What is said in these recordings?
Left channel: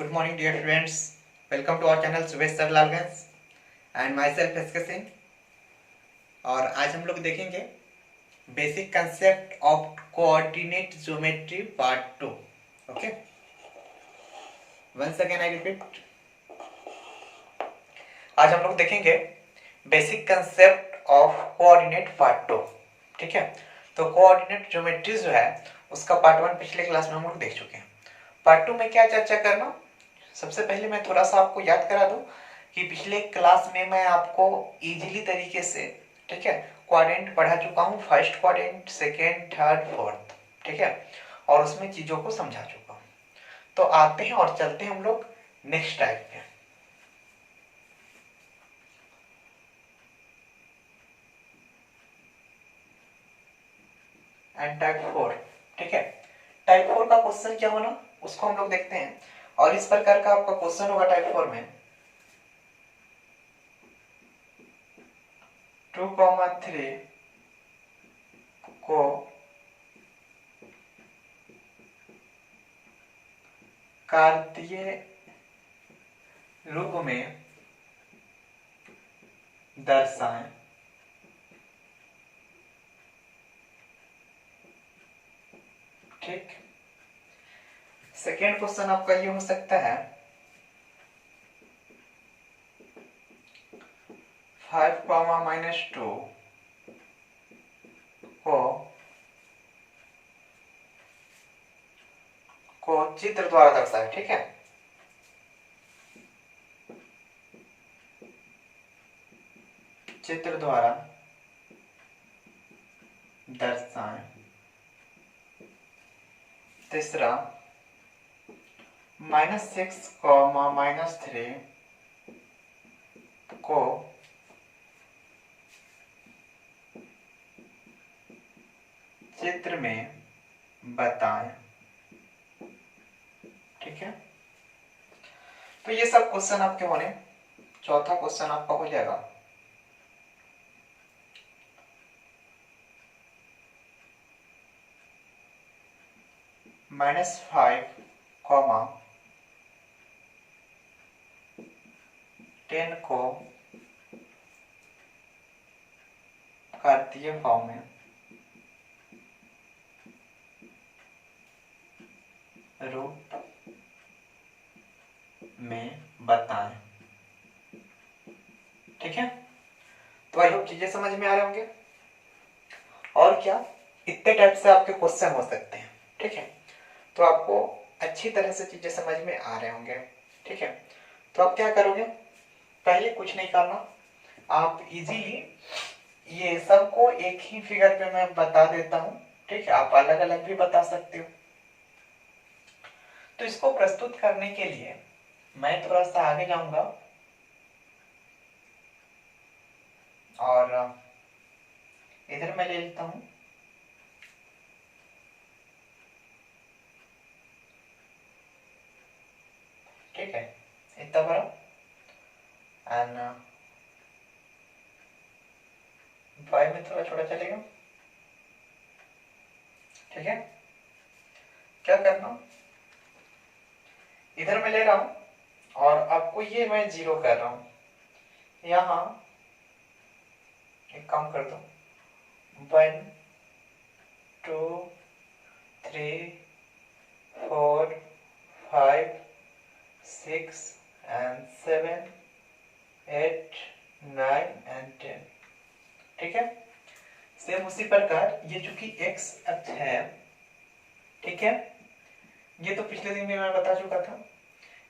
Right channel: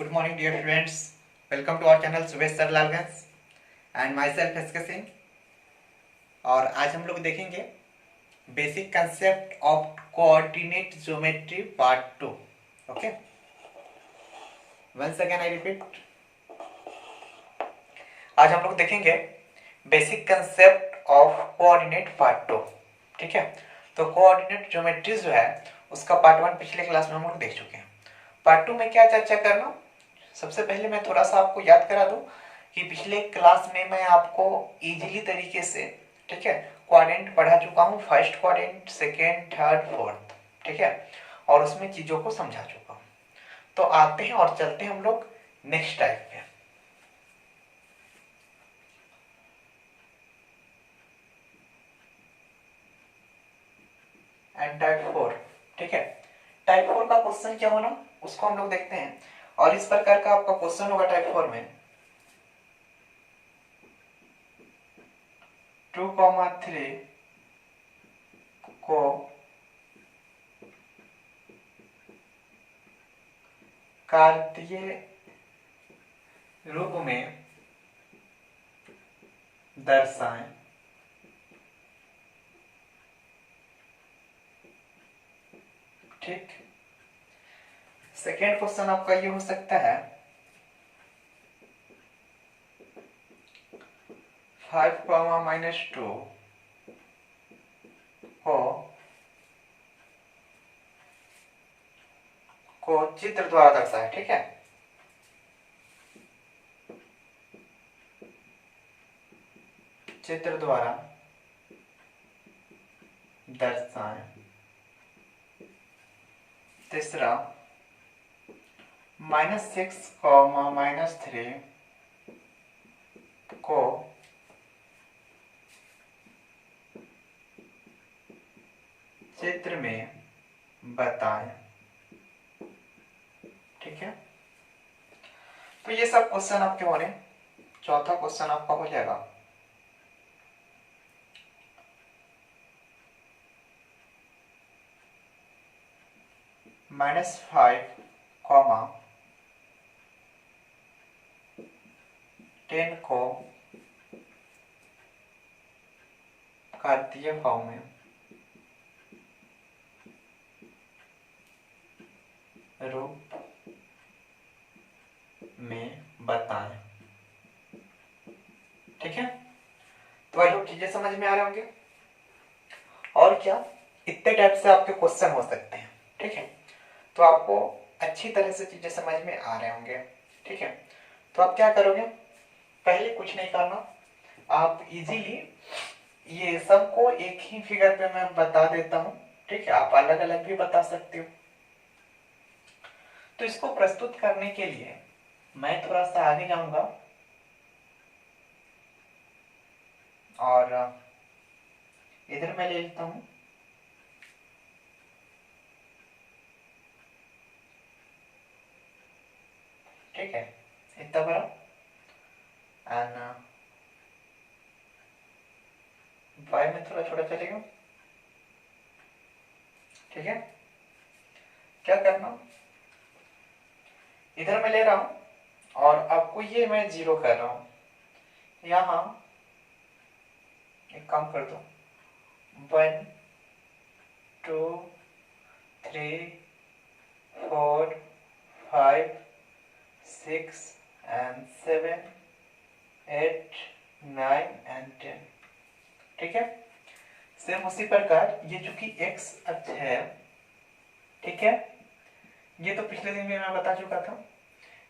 Good morning, dear students. Welcome to our channel Subesh sir Lalganj and myself SK Singh. और आज हम लोग देखेंगे basic concept of coordinate geometry part 2। Okay, once again I repeat, आज हम लोग देखेंगे basic concept of coordinate part 2। ठीक है, तो कोऑर्डिनेट ज्योमेट्री जो है उसका पार्ट 1 पिछले क्लास में हम लोग देख चुके हैं। पार्ट 2 में क्या चर्चा करना, सबसे पहले मैं थोड़ा सा आपको याद करा दूं कि पिछले क्लास में मैं आपको इजीली तरीके से, ठीक है, क्वाड्रेंट पढ़ा चुका हूं, first quadrant, second, third, fourth, ठीक है, और उसमें चीजों को समझा चुका हूं। तो आते हैं और चलते हैं हम लोग नेक्स्ट टाइप पे। एंड टाइप 4, ठीक है, टाइप 4 का क्वेश्चन क्या होना उसको हम लोग देखते हैं। और इस प्रकार का आपका क्वेश्चन होगा टाइप 4 में 2,3 को कार्तीय रूप में दर्शाएं। ठीक, सेकेंड क्वेश्चन आपका ये हो सकता है 5,-2 को चित्र द्वारा दर्शाए। ठीक है, चित्र द्वारा दर्शाएं। तीसरा -6, -3 को चित्र में बताएं। ठीक है, तो ये सब क्वेश्चन आपके होने। चौथा क्वेश्चन आपका हो जाएगा -5, 10 को कार्तीय फॉर्म में रूप में बताएं। ठीक है, तो आई होप चीजें समझ में आ रहे होंगे। और क्या, इतने टाइप से आपके क्वेश्चन हो सकते हैं। ठीक है, तो आपको अच्छी तरह से चीजें समझ में आ रहे होंगे। ठीक है, तो आप क्या करोगे, पहले कुछ नहीं करना, आप इजीली ये सबको एक ही फिगर पे मैं बता देता हूं। ठीक है, आप अलग अलग भी बता सकते हो। तो इसको प्रस्तुत करने के लिए मैं थोड़ा सा आगे जाऊंगा और इधर मैं ले लेता हूं। ठीक है, इतना बड़ा एंड वाई में थोड़ा छोटा चलेगा। ठीक है, क्या करना, इधर मैं ले रहा हूं और आपको ये मैं 0 कर रहा हूं। यहां एक काम कर दो, 1, 2, 3, 4, 5, 6 and 7, 8, 9 and 10। ठीक है, सेम उसी प्रकार ये चूंकि x अक्ष है, ठीक है, ये तो पिछले दिन में मैं बता चुका था।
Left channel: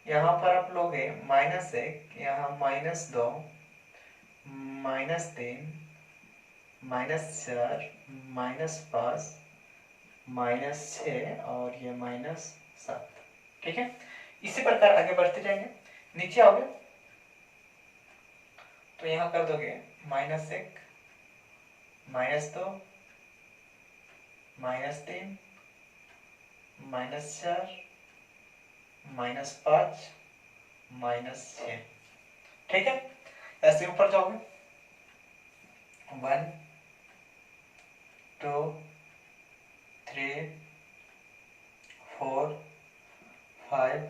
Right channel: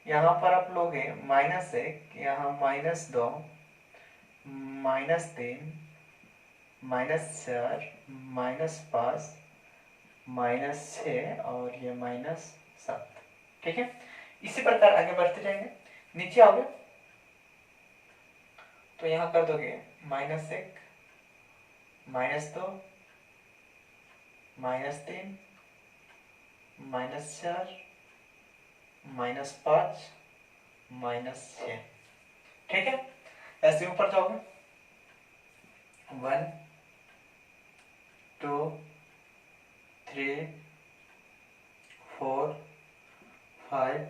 यहाँ पर आप लोगे -1, यहाँ -2, -3, -4, -5, -6 और ये -7। ठीक है, इसी प्रकार आगे बढ़ते जाएंगे। नीचे आओगे तो यहाँ कर दोगे -1, -2, -3, -4, -5, -6। ठीक है, ऐसे ऊपर जाओगे 1, 2, 3, 4, 5,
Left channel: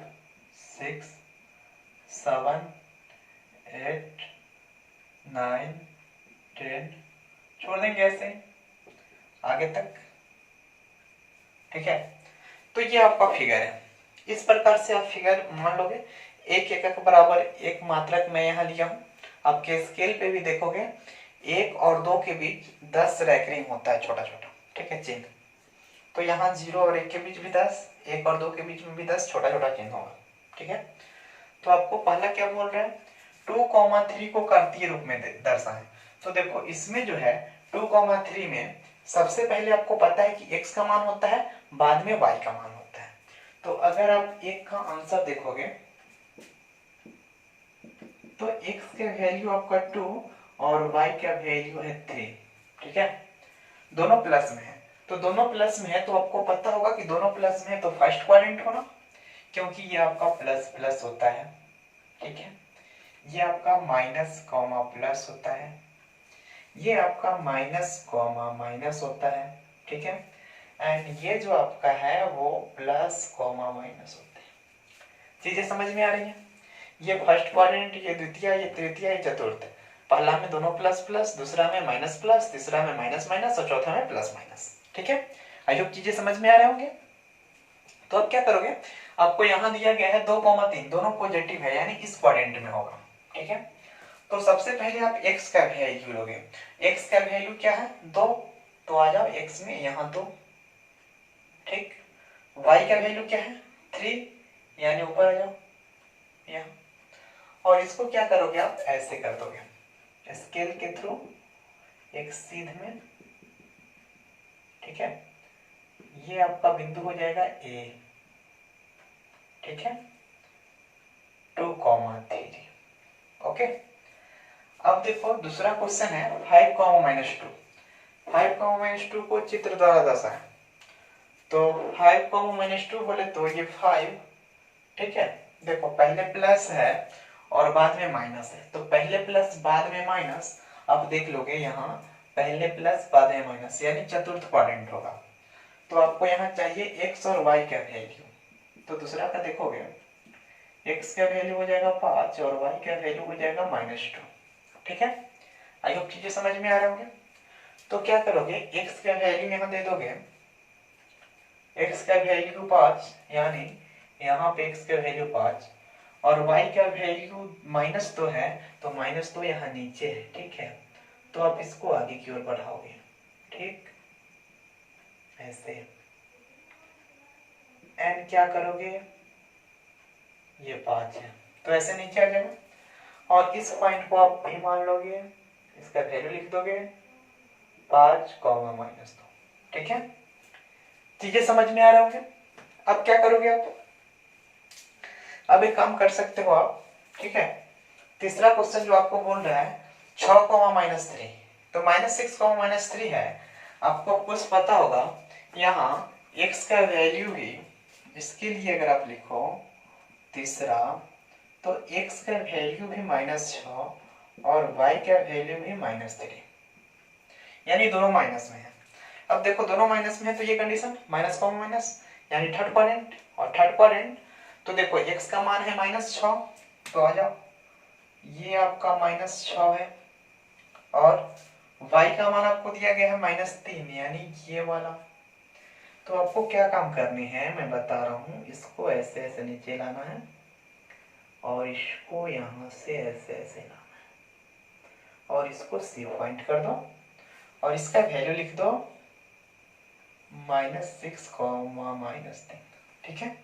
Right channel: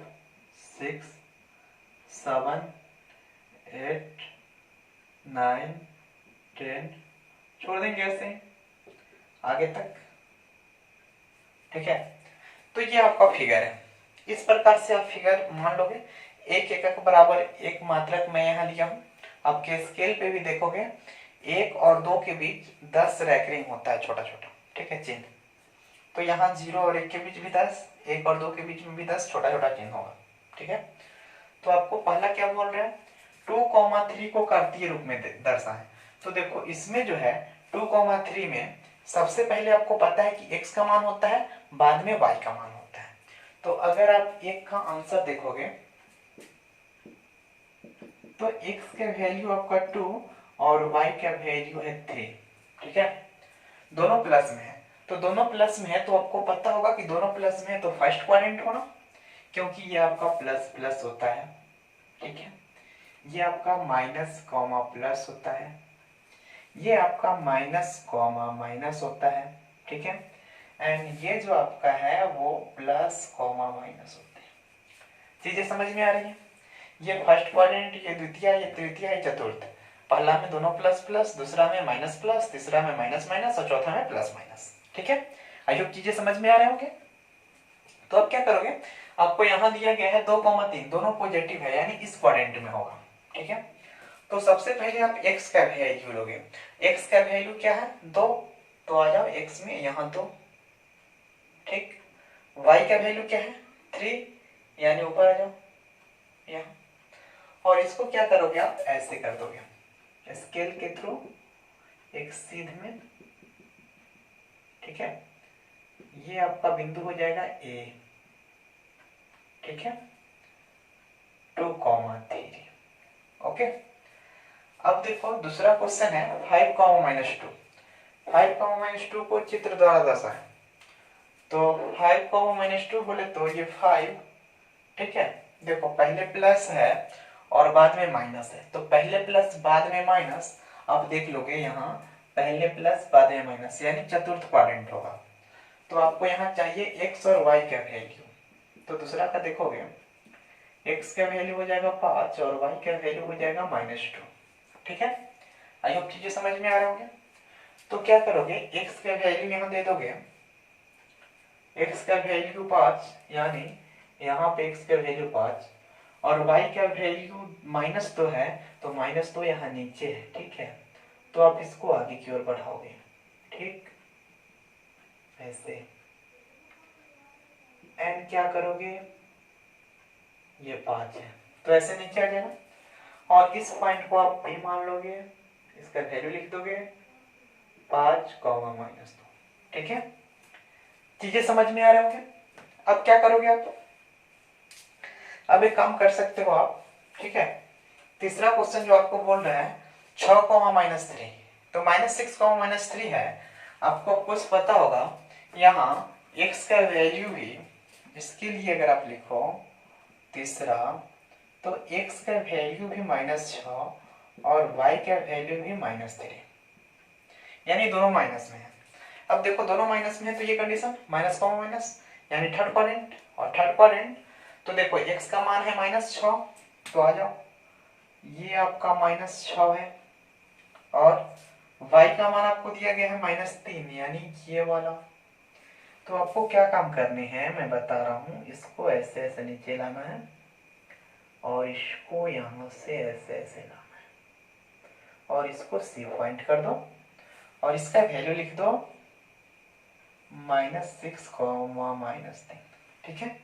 6 7 8 9 10, छोड़ देंगे ऐसे आगे तक। ठीक है, तो ये आपका फिगर है। इस प्रकार से आप फिगर मान लोगे। एक एकक बराबर एक मात्रक मैं यहाँ लिया हूँ। आपके स्केल पे भी देखोगे 1 और 2 के बीच 10 रैकरिंग होता है, छोटा छोटा। ठीक है, चिन्ह। तो यहाँ 0 और 1 के बीच भी 10, 1 और 2 के बीच में भी 10 छोटा छोटा चिन्ह होगा। ठीक है, तो आपको पहला क्या बोल रहे हैं, 2,3 को कार्तीय रूप में दर्शाएं। तो देखो इसमें जो है 2,3 में सबसे पहले आपको पता है कि x का मान होता है, बाद में y का मान होता है। तो अगर आप एक का आंसर देखोगे तो x का वैल्यू आपका 2 और y का वैल्यू है 3। ठीक है, दोनों प्लस में है। तो दोनों प्लस में है तो आपको पता होगा कि दोनों प्लस में है तो फर्स्ट क्वाड्रेंट होना, क्योंकि ये आपका प्लस प्लस होता है। ठीक है, ये आपका माइनस कॉमा प्लस होता है, ये आपका माइनस कॉमा माइनस होता है। ठीक है, एंड ये जो आपका है वो प्लस कॉमा माइनस होते हैं। चीजें समझ में आ रही है। ये फर्स्ट क्वाड्रेंट, ये द्वितीय, ये तृतीय, ये चतुर्थ। पहला में दोनों प्लस प्लस, दूसरा में माइनस प्लस, तीसरा में माइनस माइनस और चौथा में प्लस माइनस। ठीक है, आई होप चीजें समझ में आ रहे होंगे। तो अब क्या करोगे, आपको यहाँ दिया गया है 2,3, दोनों पॉजिटिव है यानी इस क्वाड्रेंट में होगा। ठीक है, तो सबसे पहले आप x का वैल्यू लोगे। x का वैल्यू क्या है, 2, तो आ जाओ x में यहाँ 2। ठीक, y का वैल्यू क्या है, 3, यानी ऊपर आ जाओ यहाँ। और इसको क्या करोगे आप, ऐसे कर दोगे स्केल के थ्रू एक सीध में। ठीक है, ये आपका बिंदु हो जाएगा A। ठीक है, 2,3। ओके, अब देखो दूसरा क्वेश्चन है 5,-2। 5,-2 को चित्र द्वारा दर्शाएं। तो 5,-2 बोले तो ये 5। ठीक है, देखो पहले प्लस है और बाद में माइनस है, तो पहले प्लस बाद में माइनस। आप देख लोगे यहाँ पहले प्लस बाद में माइनस यानी चतुर्थ क्वाड्रेंट होगा। तो आपको यहाँ चाहिए x और y का वैल्यू। तो दूसरा का देखोगे x का वैल्यू हो जाएगा 5 और y का वैल्यू हो जाएगा -2। ठीक है, आई होप चीजें समझ में आ रहे होंगे। तो क्या करोगे, x का वैल्यू यहाँ दे दोगे, x का वैल्यू 5 यानी यहाँ पे x का वैल्यू 5 और y का वैल्यू -2 है, तो -2 यहाँ नीचे है। ठीक है, तो आप इसको आगे की ओर बढ़ाओगे। ठीक, ऐसे एंड क्या करोगे, ये 5 है तो ऐसे नीचे आ जाएगा और इस पॉइंट को आप भी मान लोगे, इसका वैल्यू लिख दोगे 5, -2। ठीक है, चीजें समझ में आ रहे होंगे। अब क्या करोगे आप, अब एक काम कर सकते हो आप। ठीक है, तीसरा क्वेश्चन जो आपको बोल रहा है 6, -3, तो -6, -3 है। आपको कुछ पता होगा यहाँ x का वैल्यू भी, इसके लिए अगर आप लिखो तीसरा, तो x का वैल्यू भी -6 और y का वैल्यू भी -3, यानी दोनों माइनस में है। अब देखो दोनों माइनस में है तो ये कंडीशन माइनस यानी थर्ड क्वाड्रेंट, और थर्ड क्वाड्रेंट तो देखो x का मान है -6, तो आ जाओ ये आपका -6 है और y का मान आपको दिया गया है -3 यानी ये वाला। तो आपको क्या काम करने हैं मैं बता रहा हूँ, इसको ऐसे ऐसे नीचे लाना है और इसको यहाँ से ऐसे ऐसे लाना है और इसको C पॉइंट कर दो और इसका वैल्यू लिख दो -6, -3। ठीक है,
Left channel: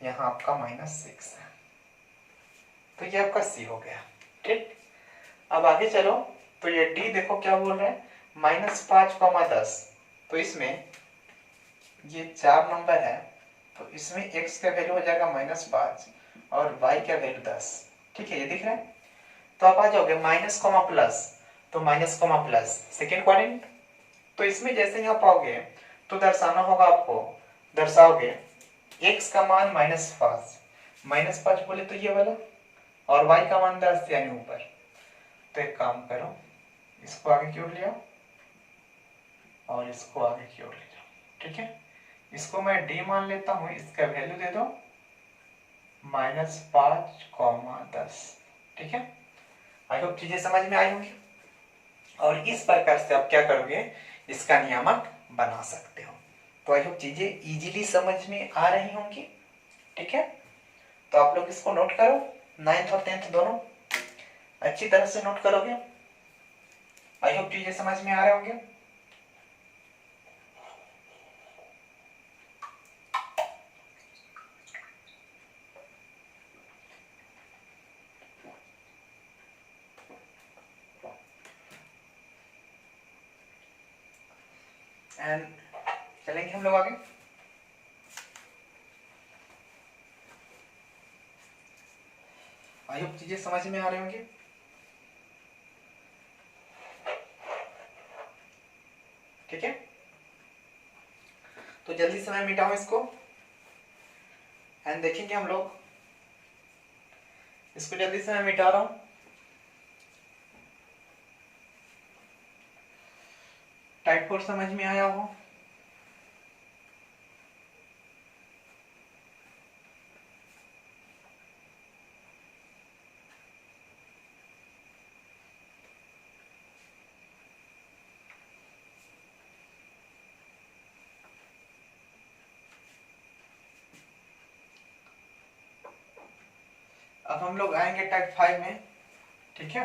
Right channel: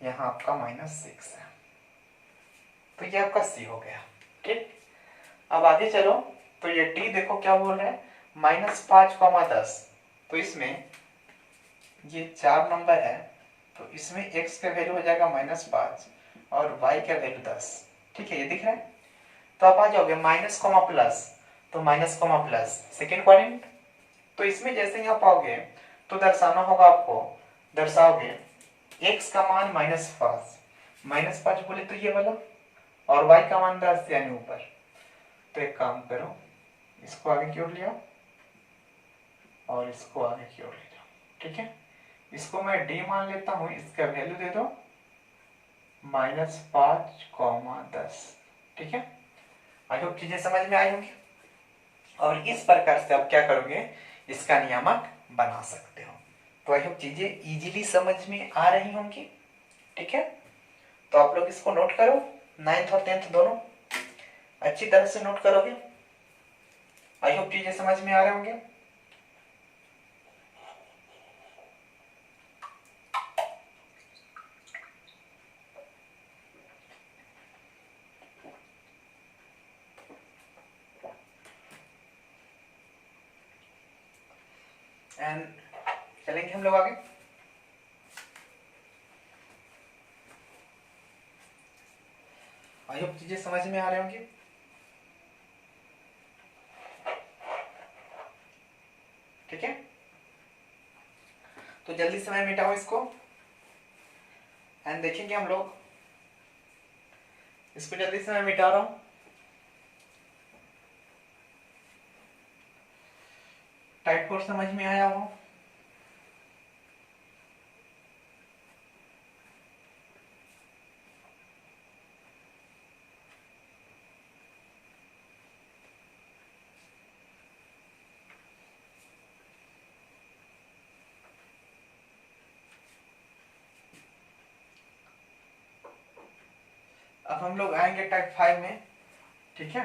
यहाँ आपका -6 है, तो ये आपका C हो गया। ठीक, अब आगे चलो। तो ये D देखो क्या बोल रहा है, -5, 10। तो इसमें ये 4 नंबर है, तो इसमें x का वैल्यू हो जाएगा -5 और y का वैल्यू 10। ठीक है, ये दिख रहा है। तो आप आ जाओगे माइनस कॉमा प्लस, तो minus comma plus second quadrant. तो इसमें जैसे ही आप आओगे तो दर्शाना होगा आपको, दर्शाओगे x का मान -5 बोले तो ये वाला, और y का मान 10 यानी ऊपर। तो एक काम करो, इसको आगे की ओर ले आओ और इसको आगे की ओर ले जाओ। ठीक है, इसको मैं d मान लेता हूं, इसका वैल्यू दे दो -5, 10। ठीक है, आई होप चीजें समझ में आई होंगी। और इस प्रकार से आप क्या करोगे, इसका नियामक बना सकते हो। तो आई होप चीजें इजीली समझ में आ रही होंगी। ठीक है, तो आप लोग इसको नोट करो, 9th और 10th दोनों अच्छी तरह से नोट करोगे। आई होप चीजें समझ में आ रहे होंगे। एंड चलेंगे हम लोग आगे। आई होप चीजें समझ में आ रहे होंगे। ठीक है, तो जल्दी से मैं मिटाऊं इसको एंड देखेंगे हम लोग। इसको जल्दी से मैं मिटा रहा हूं। टाइप 4 समझ में आया हो। अब हम लोग आएंगे टाइप 5 में। ठीक है,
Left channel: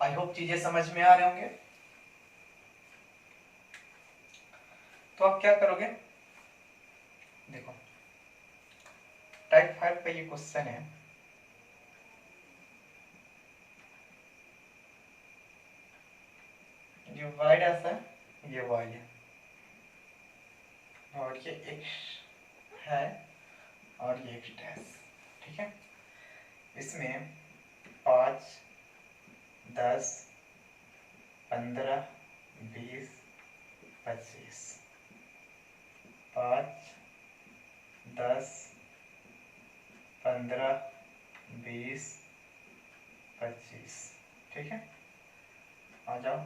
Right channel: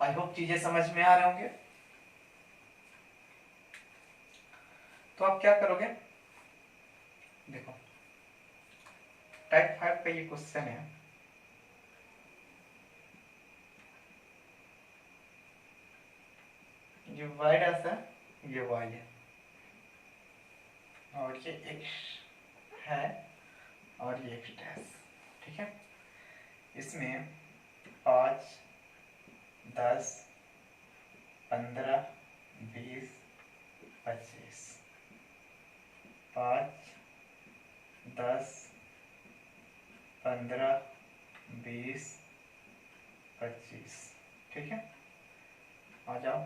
आई होप चीजें समझ में आ रहे होंगे। तो आप क्या करोगे, देखो टाइप 5 का ये क्वेश्चन है। ये वाई डैश है, ये वाई है, और ये एक्स है, और ये एक्स डैश। ठीक है, इसमें 5, 10, 15, 20, 25। 5, 10, 15, 20, 25। ठीक है, आ जाओ,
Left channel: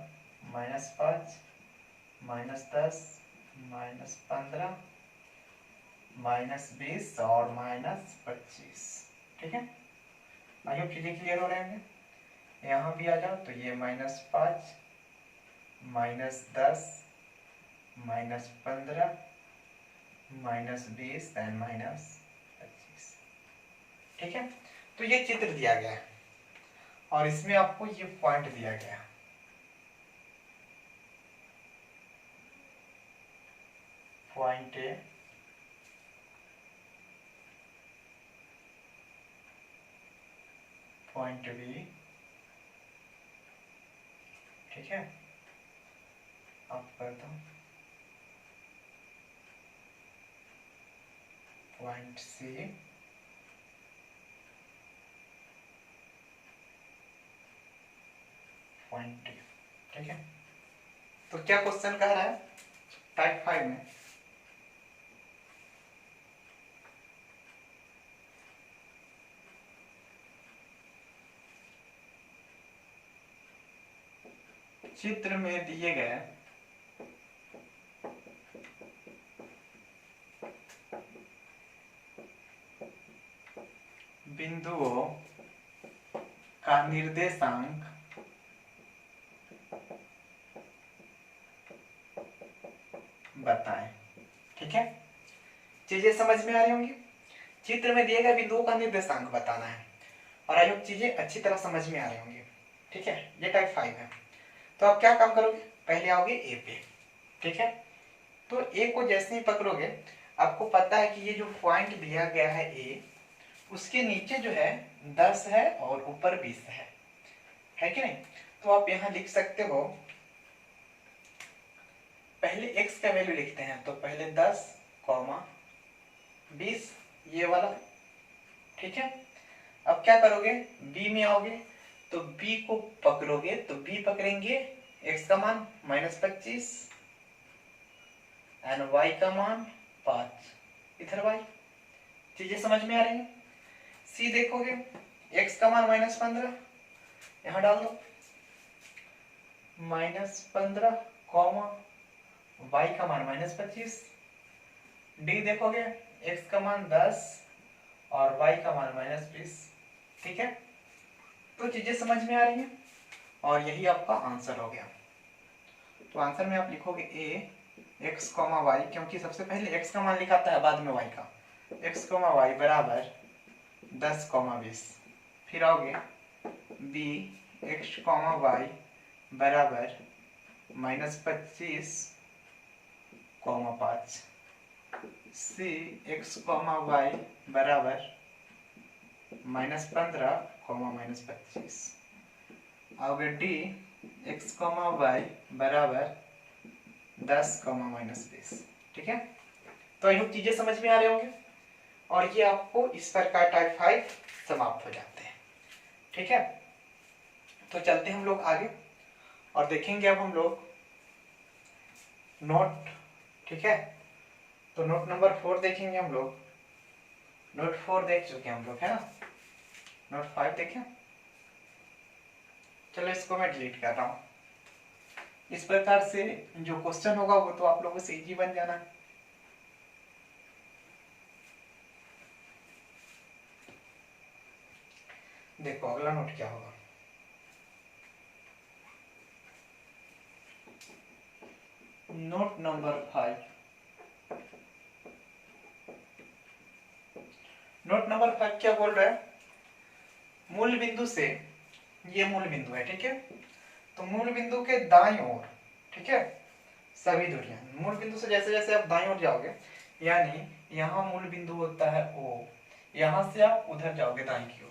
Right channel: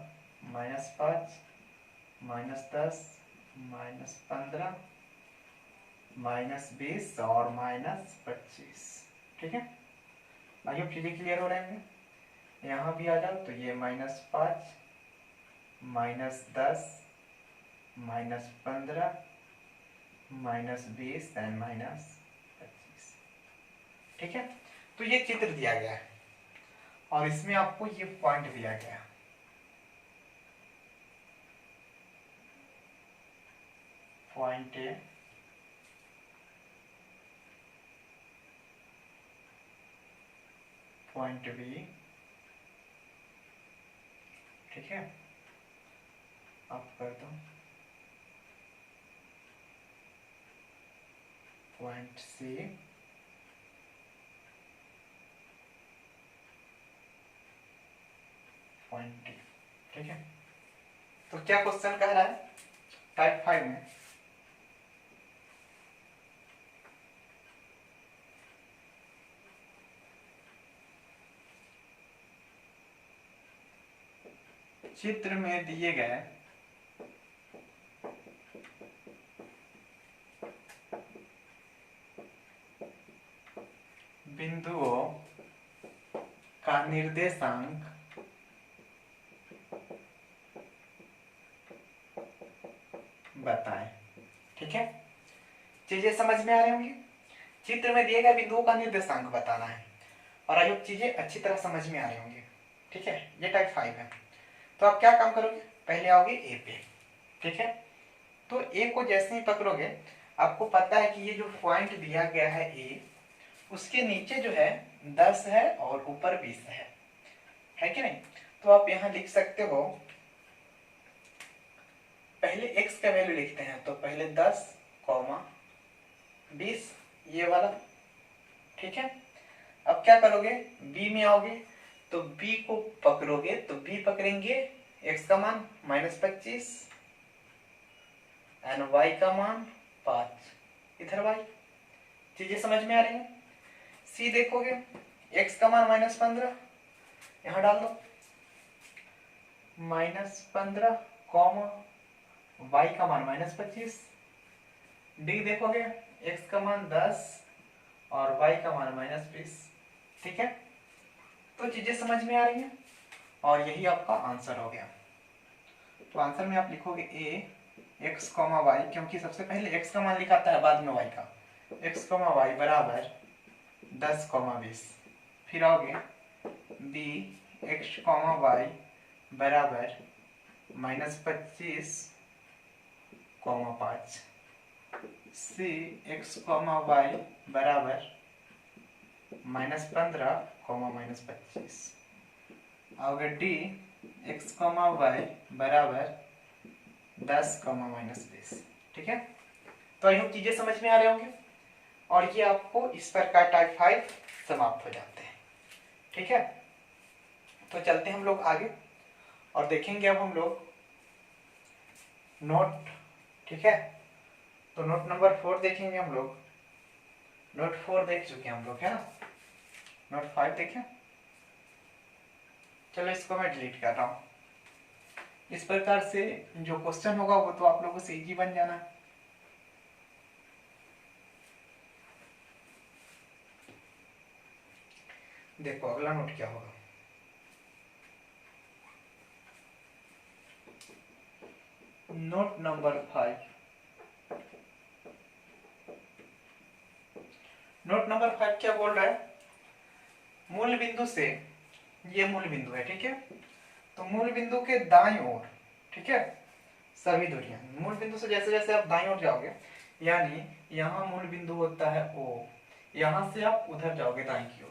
-5, -10, -15, -20 और -25। ठीक है, आइए चीजें क्लियर हो रहे हैं। यहाँ भी आ जाओ, तो ये -5, -10, -15, -20 एंड -25। ठीक है, तो ये चित्र दिया गया है और इसमें आपको ये पॉइंट दिया गया है। Point A, point B. ठीक है, अब कर दो पॉइंट सी, पॉइंट डी। ठीक है, तो क्या क्वेश्चन कह रहा है टाइप 5 में, चित्र में दिए गए बिंदुओं का निर्देशांक बताएं। ठीक है, चीजें समझ में आ रही होंगी। चित्र में दिए गए बिंदुओं का निर्देशांक बताना है और आई होप चीजें अच्छी तरह समझ में आ रही होंगी। ठीक है, ये टाइप 5 है। तो आप क्या काम करोगे, पहले आओगे ए पे। ठीक है, तो ए को जैसे ही पकड़ोगे, आपको पता है कि ये जो पॉइंट दिया गया है ए, उसके नीचे जो है 10 है और ऊपर 20 है कि नहीं। तो आप यहाँ लिख सकते हो, पहले x का वैल्यू लिखते हैं, तो पहले 10, 20 ये वाला। ठीक है, अब क्या करोगे, b में आओगे, तो b को पकड़ोगे, तो b पकड़ेंगे x का मान -25 एंड y का मान 5, इधर y। चीजें समझ में आ रही है। सी देखोगे x का मान -15, यहां डाल दो -15, कॉमा y का मान -25। डी देखोगे x का मान 10 और y का मान -20। ठीक है, तो चीजें समझ में आ रही हैं और यही आपका आंसर हो गया। तो आंसर में आप लिखोगे ए x, y, क्योंकि सबसे पहले x का मान लिखाता है बाद में y का। x, y बराबर 10, 20। फिर आओगे b x, y बराबर -25, 5। c x, y बराबर -15, -25। आओगे डी x, y बराबर 10, -20। ठीक है, तो आई होप चीजें समझ में आ रही होंगी और ये आपको इस प्रकार टाइप 5 समाप्त हो जाते हैं। ठीक है, तो चलते हैं हम लोग आगे और देखेंगे अब हम लोग नोट। ठीक है, तो नोट नंबर 4 देखेंगे हम लोग। नोट 4 देख चुके हैं हम लोग, है ना। नोट 5 देखें। चलो इसको मैं डिलीट कर रहा हूं। इस प्रकार से जो क्वेश्चन होगा वो तो आप लोगों से इजी बन जाना है। देखो अगला नोट क्या होगा। Note number 5। नोट नंबर 5 क्या बोल रहा है, मूल बिंदु से, ये मूल बिंदु है, ठीक है, तो मूल बिंदु के दाईं ओर, ठीक है, सभी दूरियां, मूल बिंदु से जैसे जैसे आप दाईं ओर जाओगे, यानी यहाँ मूल बिंदु होता है O, यहां से आप उधर जाओगे दाईं की ओर।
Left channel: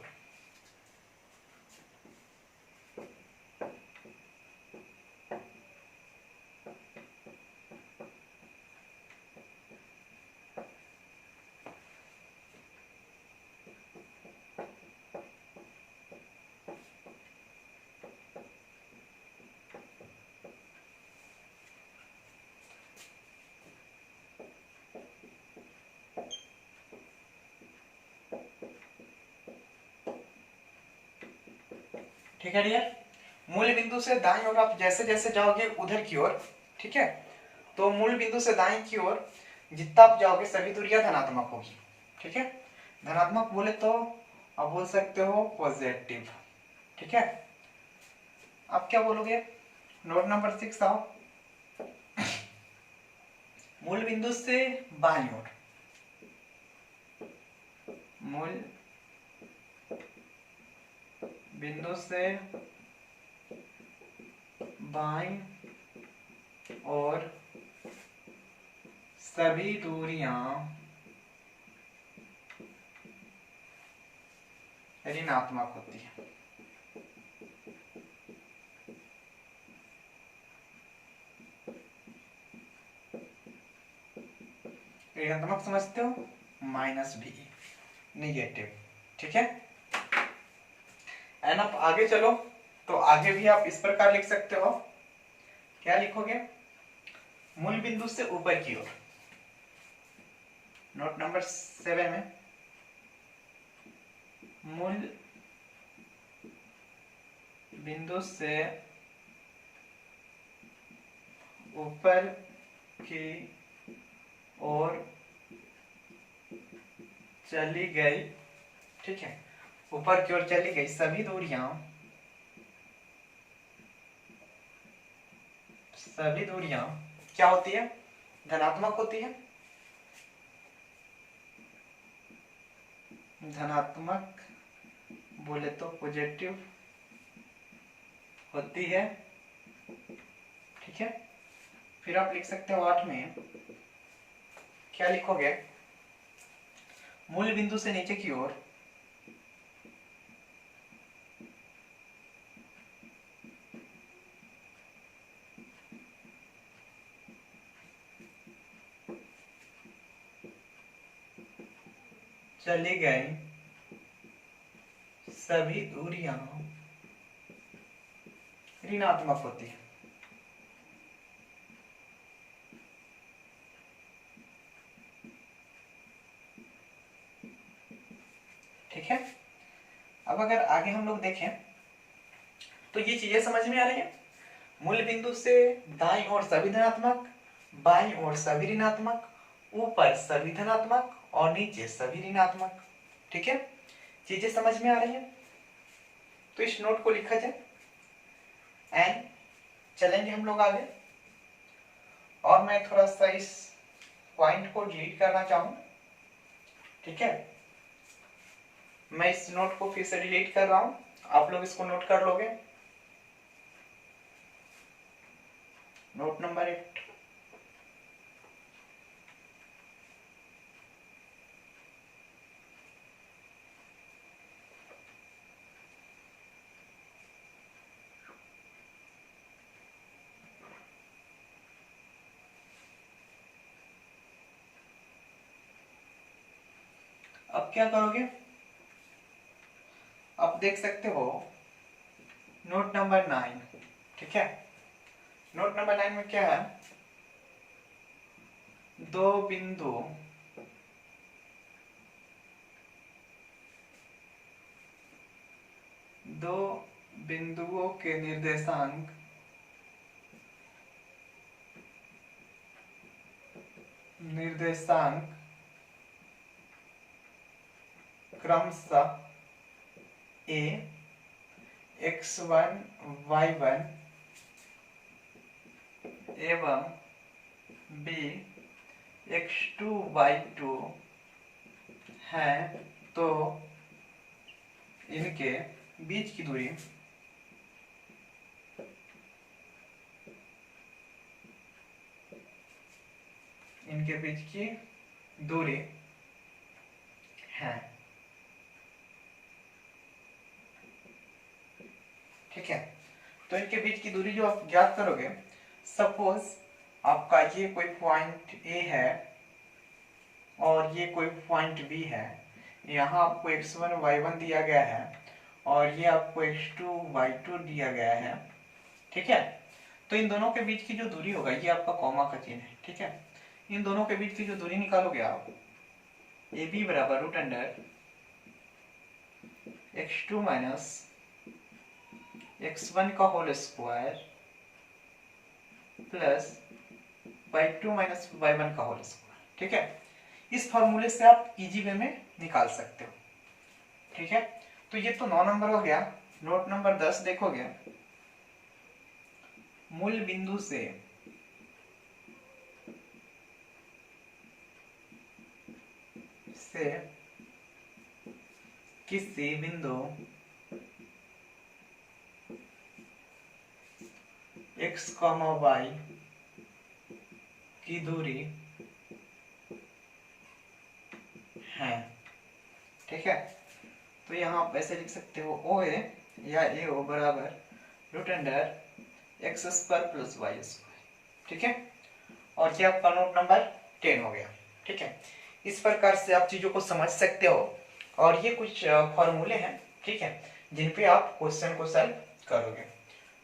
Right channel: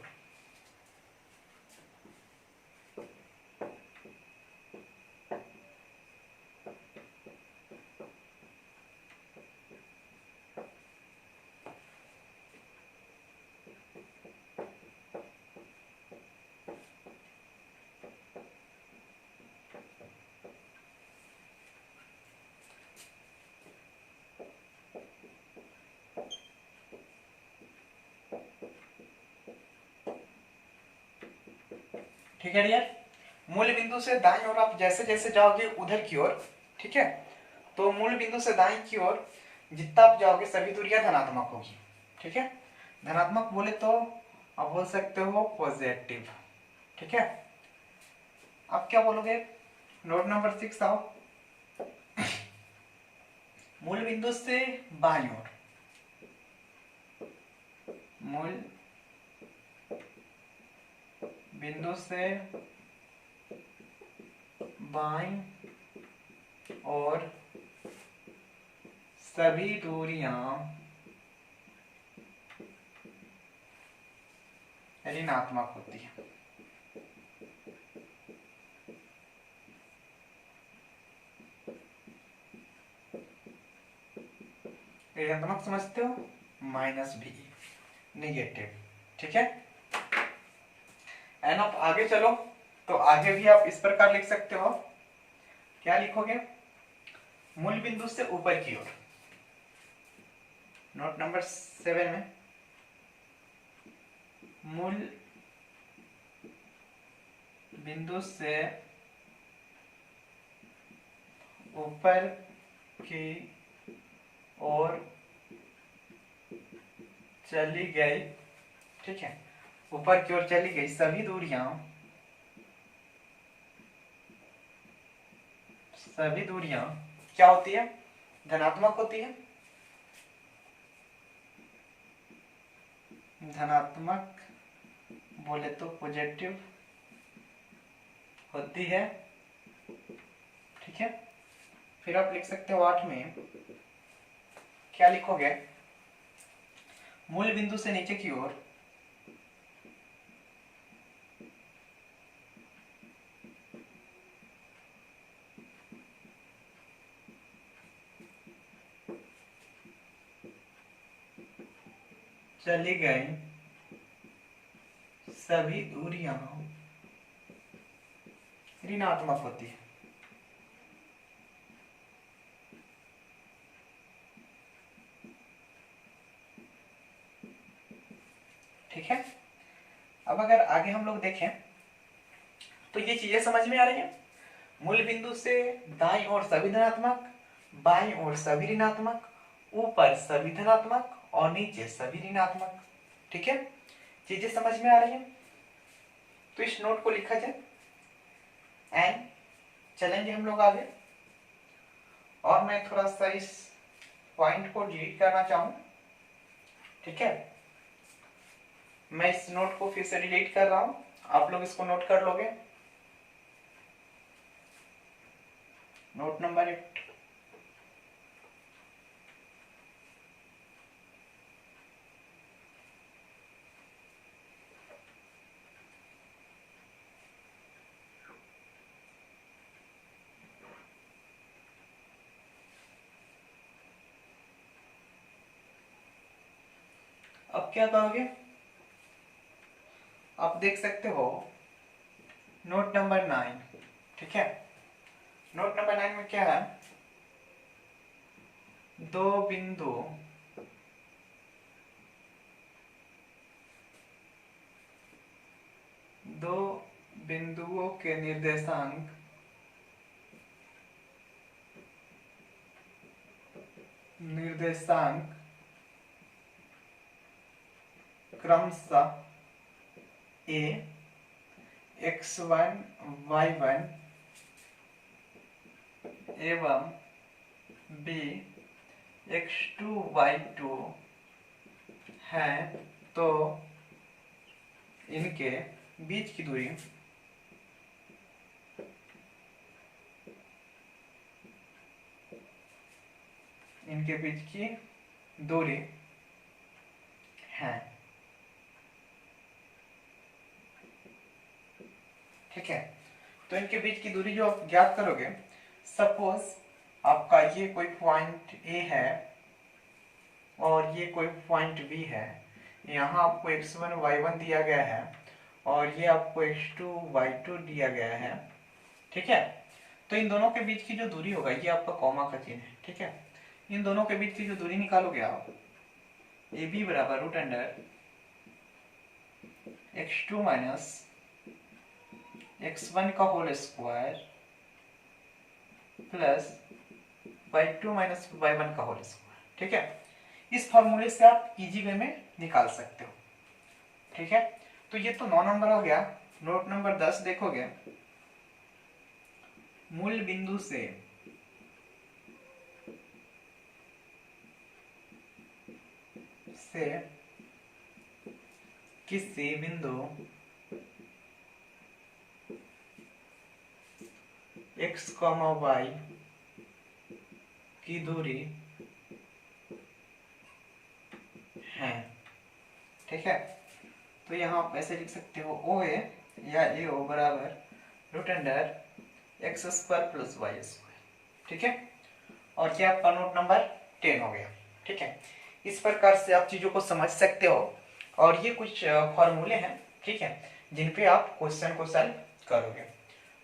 ठीक है डियर, मूल बिंदु से दाईं ओर आप जैसे जैसे जाओगे उधर की ओर, ठीक है, तो मूल बिंदु से दाईं की ओर जितना आप जाओगे सभी दूरियां धनात्मक होगी। ठीक है, धनात्मक बोले तो आप बोल सकते हो पॉजिटिव। ठीक है, आप क्या बोलोगे, नोट नंबर 6 आओ। मूल बिंदु से बाईं ओर, मूल बिंदु से बाईं और सभी दूरियां ऋणात्मक होती है। ऋणात्मक समझते हो, -b, निगेटिव। ठीक है, एंड आप आगे चलो तो आगे भी आप इस प्रकार लिख सकते हो। क्या लिखोगे, मूल बिंदु से ऊपर की ओर, नोट नंबर 7 में, मूल बिंदु से ऊपर की ओर चली गई, ठीक है, ऊपर की ओर चली गई सभी दूरियां, सभी दूरियां क्या होती है, धनात्मक होती है। धनात्मक बोले तो पॉजिटिव होती है। ठीक है, फिर आप लिख सकते हो 8 में, क्या लिखोगे, मूल बिंदु से नीचे की ओर चली गई सभी दूरियां ऋणात्मक होती है। ठीक है। अब अगर आगे हम लोग देखें तो ये चीजें समझ में आ रही है। मूल बिंदु से दाईं ओर सभी धनात्मक, बाईं ओर सभी ऋणात्मक, ऊपर सभी धनात्मक और नीचे सभी ऋणात्मक। ठीक है, चीजें समझ में आ रही है। तो इस नोट को लिखा जाए एंड चलेंगे हम लोग आगे। और मैं थोड़ा सा इस पॉइंट को डिलीट करना चाहूं। ठीक है, मैं इस नोट को फिर से डिलीट कर रहा हूं, आप लोग इसको नोट कर लोगे। Note number 8। अब क्या करोगे, आप देख सकते हो नोट नंबर 9। ठीक है, नोट नंबर 9 में क्या है, दो बिंदु दो बिंदुओं के निर्देशांक क्रमशः ए x1 y1 एवं b x2 y2 है, तो इनके बीच की दूरी है। ठीक है, तो इनके बीच की दूरी जो आप ज्ञात करोगे, सपोज आपका ये कोई पॉइंट ए है और ये कोई पॉइंट बी है। यहाँ आपको x1 y1 दिया गया है और ये आपको x2 y2 दिया गया है। ठीक है, तो इन दोनों के बीच की जो दूरी होगा, ये आपका कॉमा का चिन्ह है। ठीक है, इन दोनों के बीच की जो दूरी निकालोगे आप, ए बी बराबर root under x2 minus x1 का whole square plus y2 minus y1 का होल स्क्वायर। ठीक है, इस फॉर्मूले से आप इजी वे में निकाल सकते हो। ठीक है, तो ये तो 9 नंबर हो गया। नोट नंबर 10 देखोगे, मूल बिंदु से किसी बिंदु x, y की दूरी है। ठीक है, तो यहाँ आप ऐसे लिख सकते हो, ओ ए या ए ओ बराबर root under x square plus y square. ठीक है, और ये आपका नोट नंबर 10 हो गया। ठीक है, इस प्रकार से आप चीजों को समझ सकते हो और ये कुछ फॉर्मूले हैं, ठीक है, जिन पे आप क्वेश्चन को सॉल्व करोगे।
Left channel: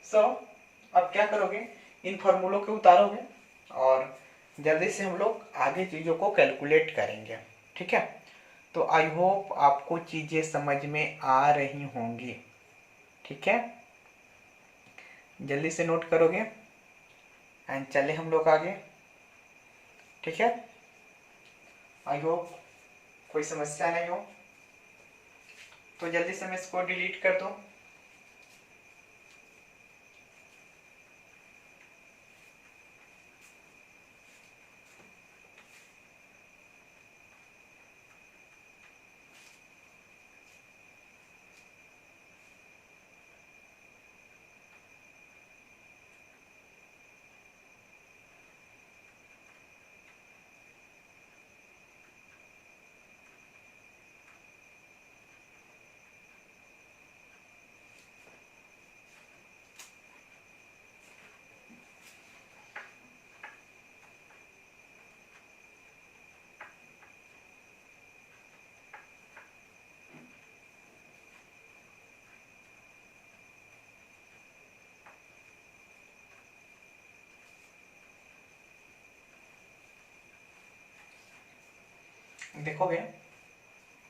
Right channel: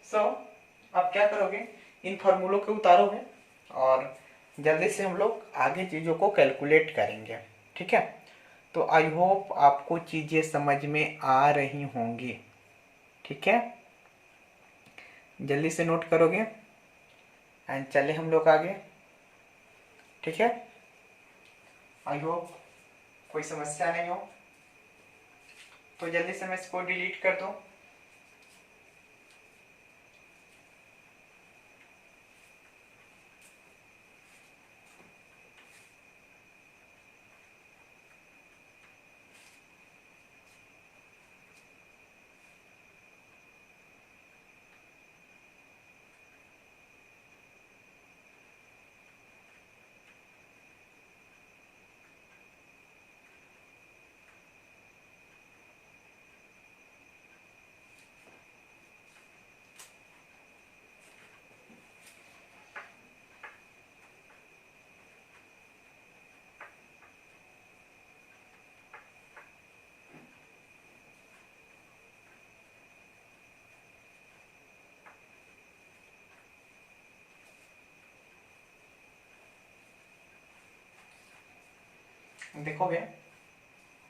सो अब क्या करोगे, इन फॉर्मूलों को उतारोगे और जल्दी से हम लोग आगे चीजों को कैलकुलेट करेंगे। ठीक है, तो आई होप आपको चीजें समझ में आ रही होंगी। ठीक है, जल्दी से नोट करोगे एंड चले हम लोग आगे। ठीक है, आई होप कोई समस्या नहीं हो। तो जल्दी से मैं इसको डिलीट कर दूं। देखोगे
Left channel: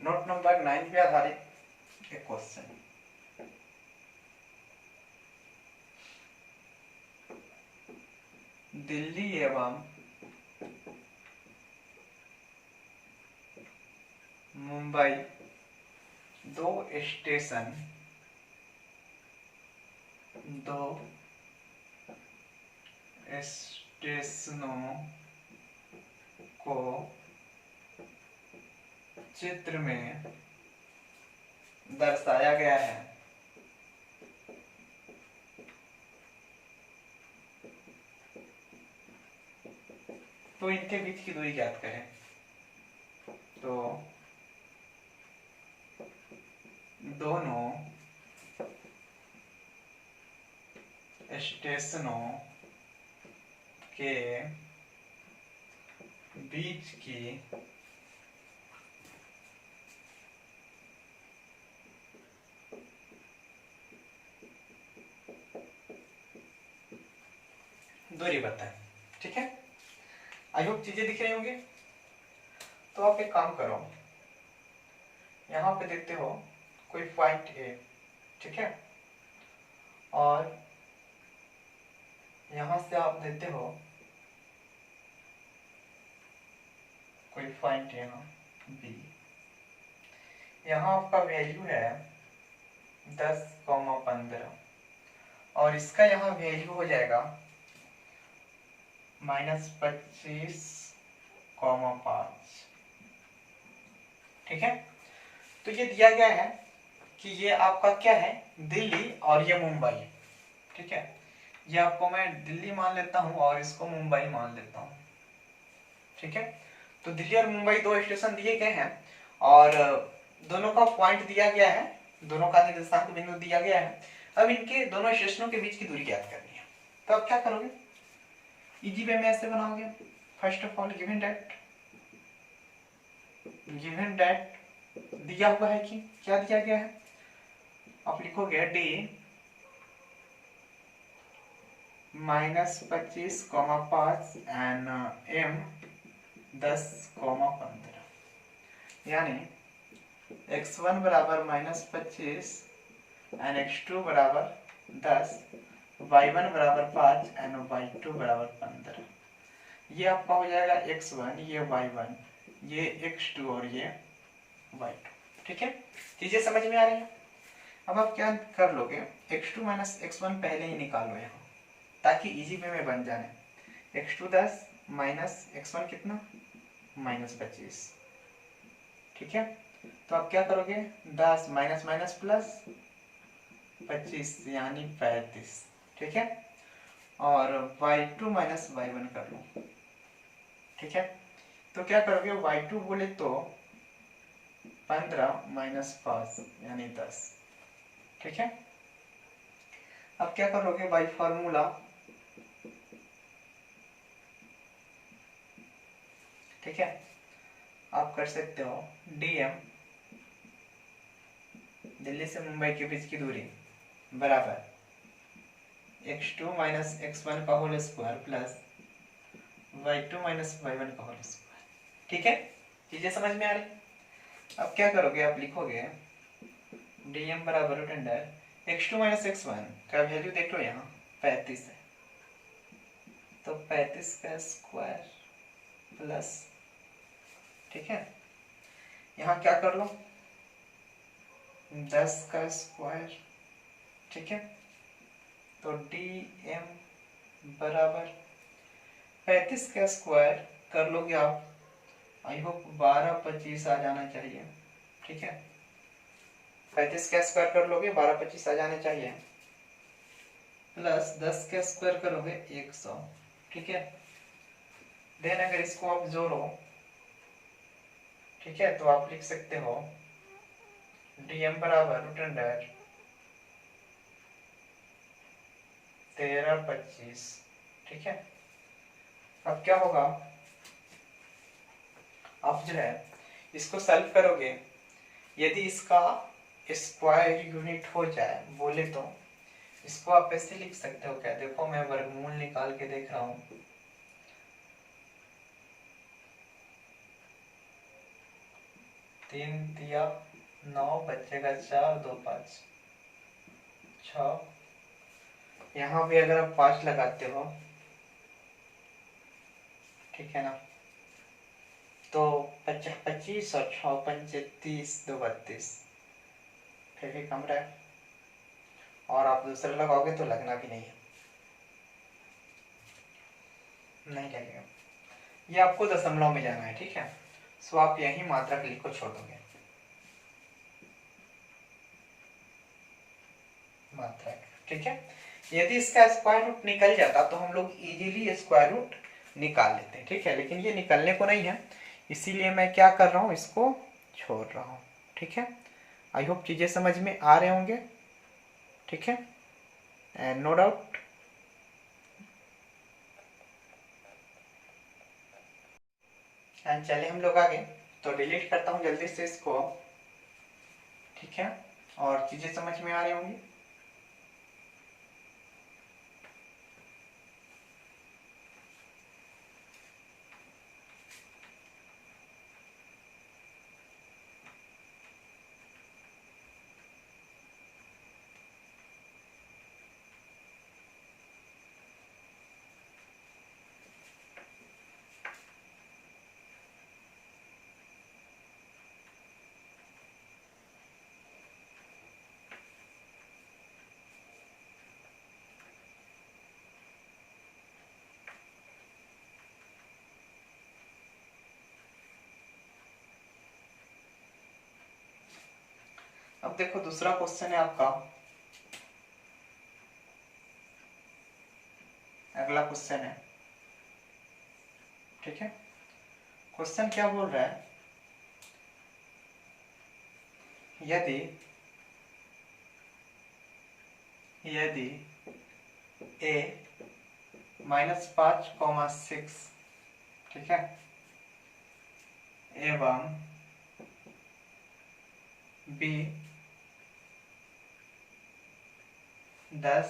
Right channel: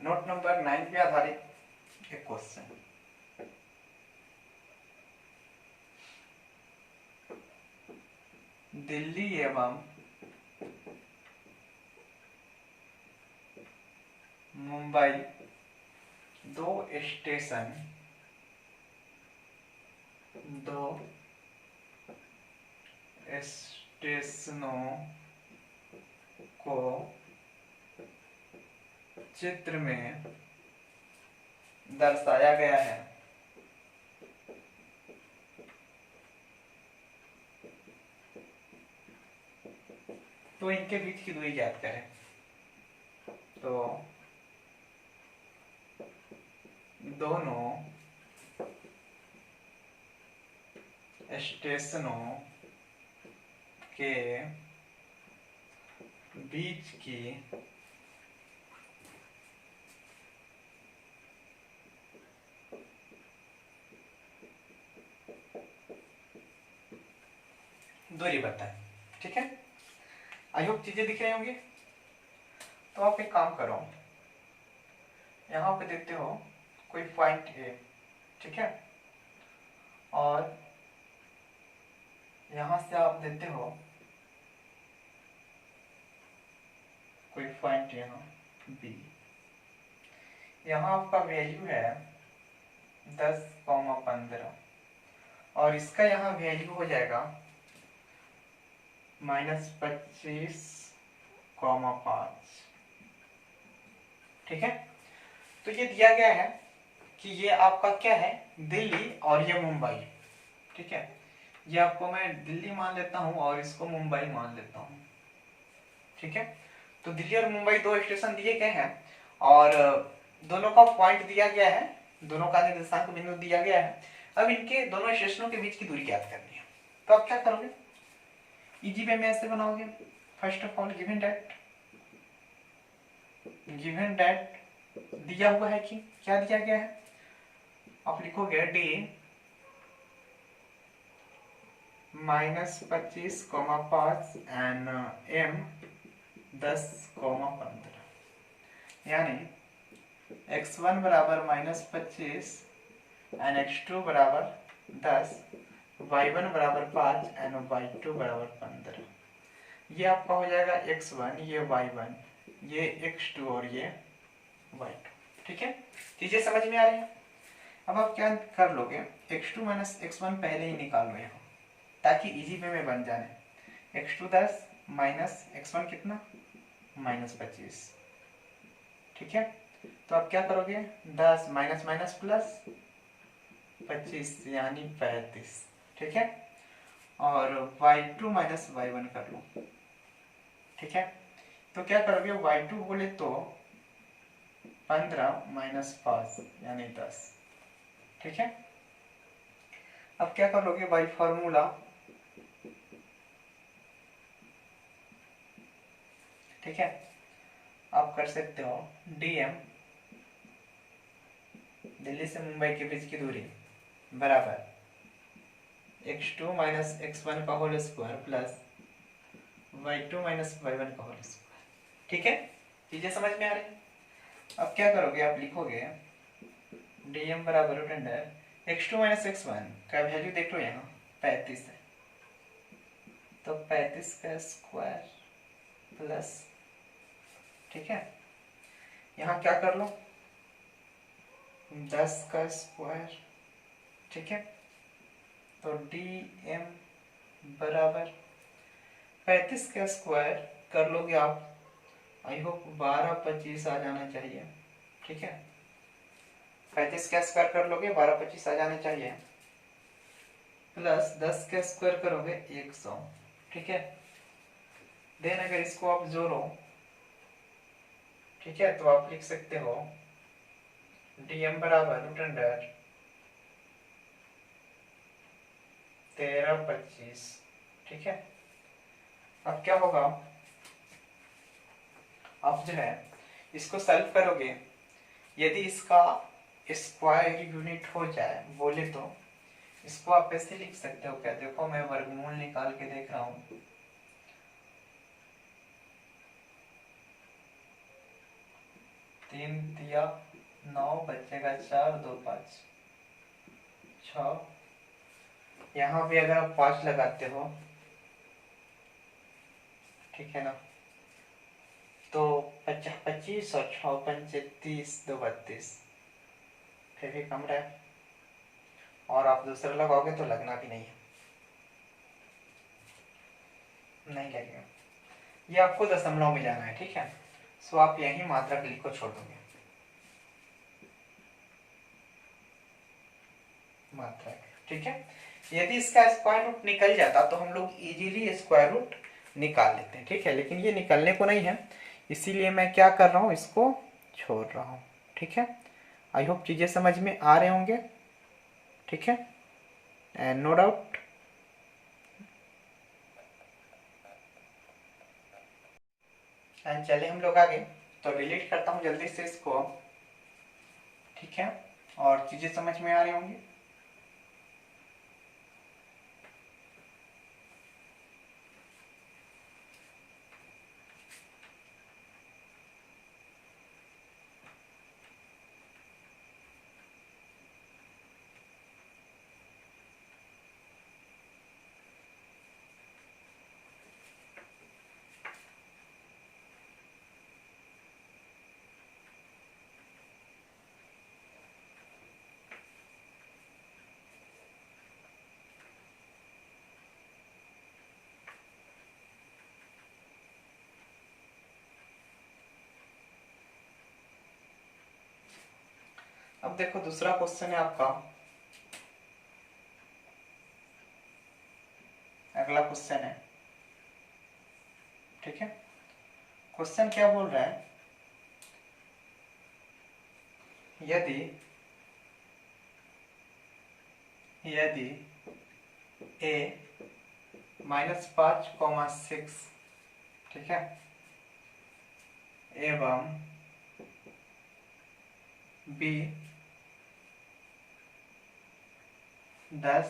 नोट नंबर 9 पे आधारित एक क्वेश्चन। दिल्ली एवं मुंबई दो स्टेशनों को चित्र में दर्शाया गया है। तो इनके बीच की दूरी ज्ञात करें। तो दोनों स्टेशनों के बीच की दूरी बताएं। ठीक है, आई होप चीजें दिख रही होंगी। तो आप एक काम करो, यहाँ पे देखते हो कोई पॉइंट ए, ठीक है, और यहां से आप देते हो कोई पॉइंट यहाँ बी। यहाँ आपका वैल्यू है 10,15 और इसका यहाँ वैल्यू हो जाएगा -25,5। ठीक है, तो ये दिया गया है कि ये आपका क्या है, दिल्ली और ये मुंबई। ठीक है, ये आपको मैं दिल्ली मान लेता हूं और इसको मुंबई मान लेता हूं। ठीक है, तो दिल्ली और मुंबई दो स्टेशन दिए गए हैं और दोनों का पॉइंट दिया गया है, दोनों का निर्देशांक बिंदु दिया गया है। अब इनके दोनों स्टेशनों के बीच की दूरी ज्ञात करनी है। तो आप क्या करोगे, इजी वे में ऐसे बनाओगे। First of all given that दिया हुआ है कि क्या दिया गया है, आप लिखोगे डी -25,5 एंड एम 10,15, यानी x1 बराबर -25 एंड x2 बराबर 10, y1 बराबर 5 एंड y2 बराबर 15। ये आपका हो जाएगा x1, ये y1, ये x2 और ये y2। ठीक है, चीजें समझ में आ रही है। अब आप क्या कर लोगे, x2 माइनस x1 पहले ही निकाल लो यहाँ, ताकि इजी वे में बन जाए। x2 10 माइनस x1 कितना, -25। ठीक है, तो आप क्या करोगे, 10 माइनस माइनस प्लस 25 यानी 35। ठीक है, और y2 माइनस y1 कर लो। ठीक है, तो क्या करोगे, y2 बोले तो 15 माइनस 5 यानी 10। ठीक है, अब क्या करोगे, बाई फॉर्मूला ठीक है, आप कर सकते हो dm दिल्ली से मुंबई के बीच की दूरी बराबर x2 माइनस x1 का whole square plus y2 minus y1 का होल स्क्वायर। ठीक है, चीजें समझ में आ रही। अब क्या करोगे, आप लिखोगे dm बराबर root under x2 minus x1 का वैल्यू देख लो यहाँ 35 है, तो 35 का स्क्वायर प्लस, ठीक है, यहाँ क्या कर लो 10 का स्क्वायर। ठीक है, तो dm बराबर 35 का स्क्वायर कर लोगे आप, आई होप 1225 आ जाना चाहिए। ठीक है, 35 का स्क्वायर कर लोगे 1225 आ जाना चाहिए, प्लस 10 का स्क्वायर करोगे 100। ठीक है, देन अगर इसको आप जोड़ो, ठीक है, तो आप लिख सकते हो dm बराबर रूट अंडर 1325। ठीक है, अब क्या होगा, आप जो है इसको सॉल्व करोगे, यदि इसका स्क्वायर यूनिट हो जाए बोले तो इसको आप ऐसे लिख सकते हो। क्या देखो, मैं वर्गमूल निकाल के देख रहा हूं। 3 दिया 9, बचेगा 4, 2 5 6। यहाँ भी अगर आप 5 लगाते हो, ठीक है ना, तो 25 और 6 पंचे 30, 2 32, फिर भी कम रहा है। और आप दूसरा लगाओगे तो लगना भी नहीं है, नहीं लगेगा। ये आपको दशमलव में जाना है, ठीक है। सो आप यही मात्रक लिख को छोड़ दोगे, मात्रक, ठीक है। यदि इसका स्क्वायर रूट निकल जाता तो हम लोग इजीली स्क्वायर रूट निकाल लेते हैं, ठीक है। लेकिन ये निकलने को नहीं है, इसीलिए मैं क्या कर रहा हूँ, इसको छोड़ रहा हूँ, ठीक है। आई होप चीजें समझ में आ रहे होंगे, ठीक है, एंड नो डाउट। एंड चलिए हम लोग आगे, तो डिलीट करता हूँ जल्दी से इसको, ठीक है। और चीजें समझ में आ रही होंगी। अब देखो दूसरा क्वेश्चन है आपका, अगला क्वेश्चन है, ठीक है। क्वेश्चन क्या बोल रहा है, यदि यदि a -5,6, ठीक है, एवं b 10,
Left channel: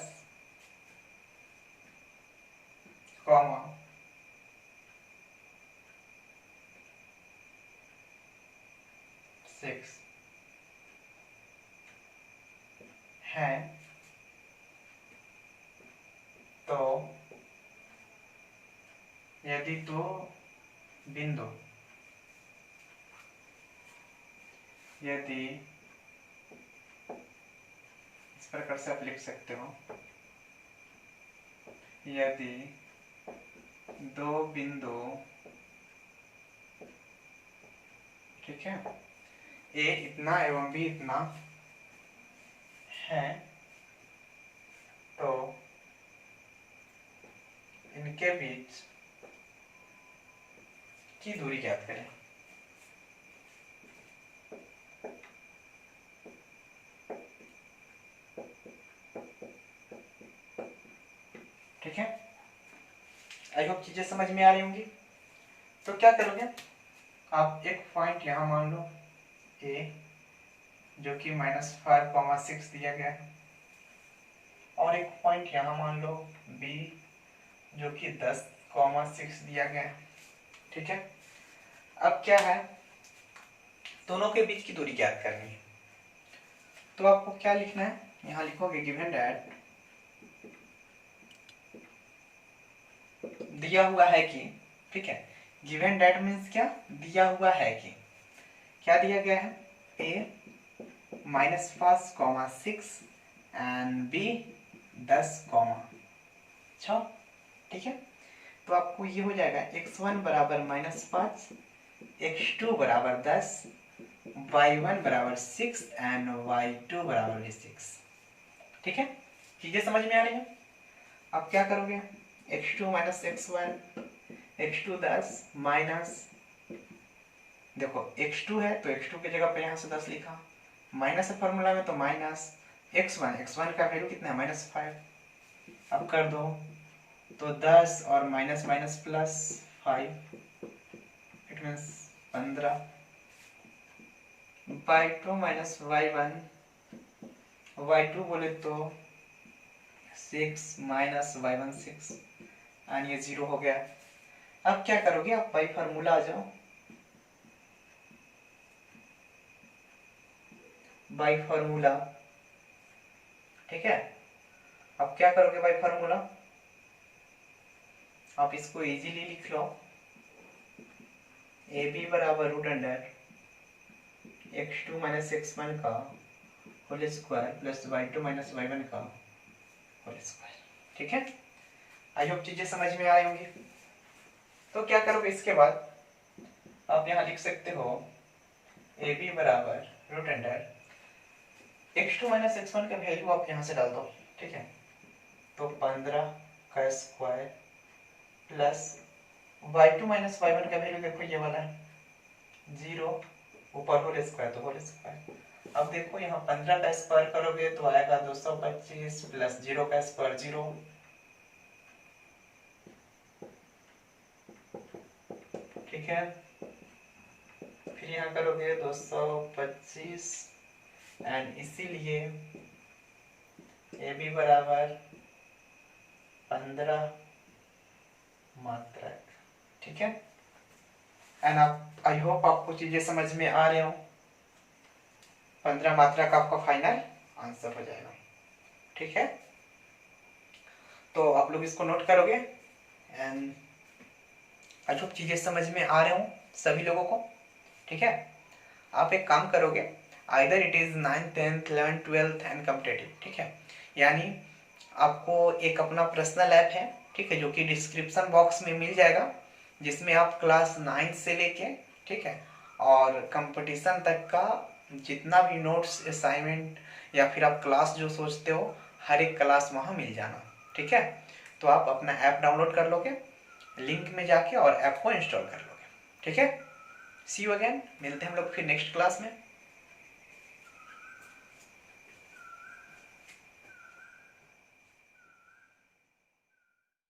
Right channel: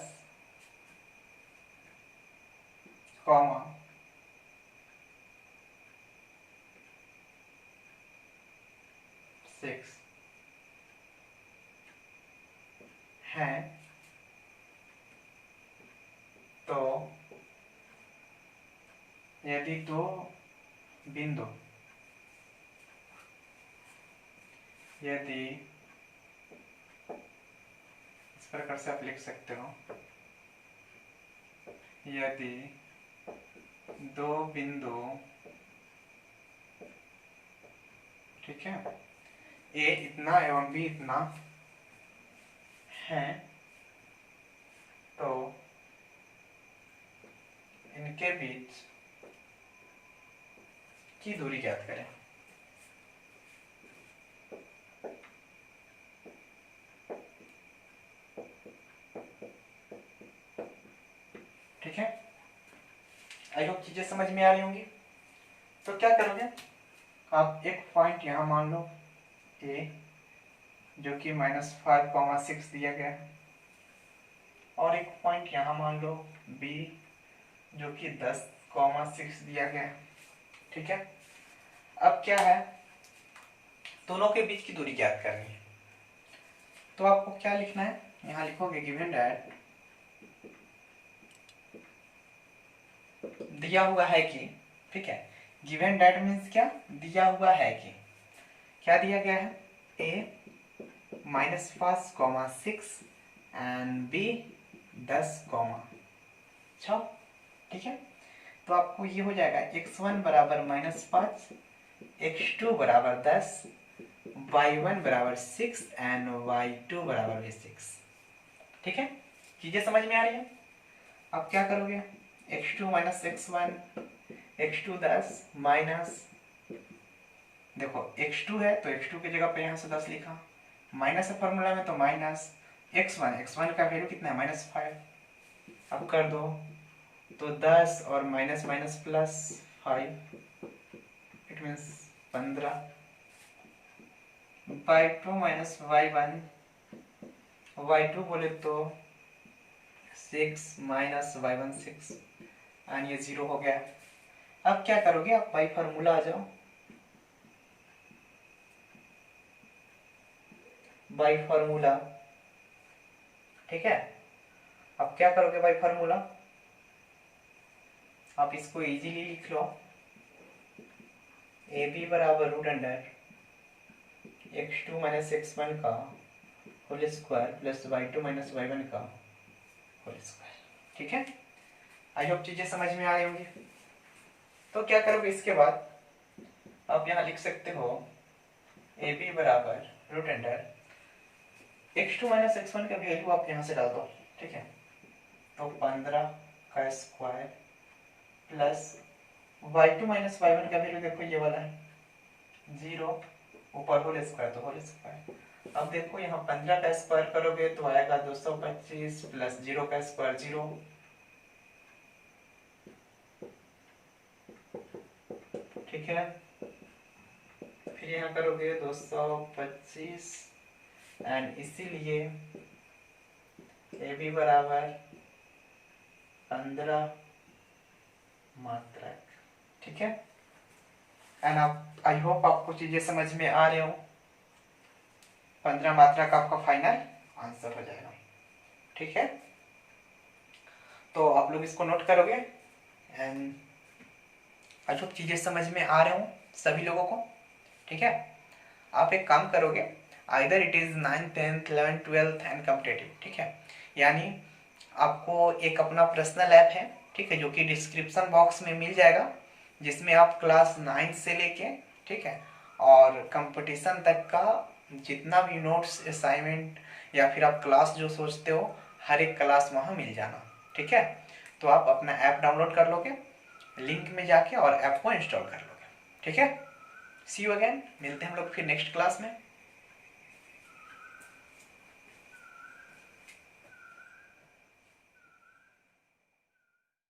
6 है, तो यदि दो बिंदु, यदि इस प्रकार से आप लिख सकते हो, यदि दो बिंदु, ठीक है, ए इतना एवं बी इतना है, तो इनके बीच की दूरी ज्ञात करें। ठीक है, आई होप चीजें समझ में आ रही होंगी। तो क्या करोगे आप, एक पॉइंट यहां मान लो ए, जो कि -5,6 दिया गया है, और एक पॉइंट यहां मान लो बी, जो कि 10,6 दिया गया है, ठीक है। अब क्या है, दोनों के बीच की दूरी ज्ञात करनी है। तो आपको क्या लिखना है, यहां लिखोगे गिवन दैट, दिया हुआ है कि, ठीक है, गिवन दैट मीन्स क्या, दिया हुआ है कि, क्या दिया गया है, ए -5,6 एंड बी 10,6, ठीक है। तो आपको ये हो जाएगा x1 बराबर -5, x2 बराबर 10, y1 बराबर 6 एंड y2 बराबर भी 6, ठीक है। चीजें समझ में आ रही है। अब क्या करोगे, x2 minus x1, x2 10 minus, देखो x2 है तो x2 की जगह पे यहाँ से 10 लिखा, माइनस है फॉर्मूला में तो माइनस x1 का वैल्यू कितना है -5। अब कर दो तो 10 और minus minus plus 5, it means 15, y2 minus y2 बोले तो 6 माइनस y1 6, एंड ये 0 हो गया। अब क्या करोगे आप, बाई फार्मूला आ जाओ, बाई फार्मूला, ठीक है। अब क्या करोगे बाई फार्मूला, आप इसको इजीली लिख लो, ए बी बराबर root under x2 minus x1 का whole square plus y2 minus y1 का होल स्क्वायर, ठीक है। आई होप चीजें समझ में आई होंगी। तो क्या करोगे इसके बाद, आप यहाँ लिख सकते हो ए बी बराबर root under x2 minus x1 का वैल्यू आप यहाँ से डाल दो, ठीक है। तो 15 का square plus y2 minus y1 का वैल्यू देखो ये वाला है 0, ऊपर होल स्क्वायर तो होल स्क्वायर। अब देखो यहाँ 15 का स्क्वायर करोगे तो आएगा 225 प्लस 0 का स्क्वायर 0, ठीक है। फिर यहाँ करोगे 225 एंड इसीलिए ए बी बराबर 15 मात्रक, ठीक है। एंड आप आई होप आपको चीजें समझ में आ रहे हो। 15 मात्रा का आपका फाइनल आंसर हो जाएगा, ठीक है। तो आप लोग इसको नोट करोगे एंड आई होप चीजें समझ में आ रहे हो सभी लोगों को, ठीक है। आप एक काम करोगे, either it is 9th 10th 11th 12th and competitive, ठीक है। यानी आपको एक अपना पर्सनल ऐप है, ठीक है, जो कि डिस्क्रिप्शन बॉक्स में मिल जाएगा, जिसमें आप क्लास 9 से लेके, ठीक है, और कंपटीशन तक का जितना भी नोट्स असाइनमेंट या फिर आप क्लास जो सोचते हो हर एक क्लास वहाँ मिल जाना, ठीक है। तो आप अपना ऐप डाउनलोड कर लोगे, लिंक में जाके और ऐप को इंस्टॉल कर लोगे, ठीक है। सी यू अगेन, मिलते हैं हम लोग फिर नेक्स्ट क्लास में।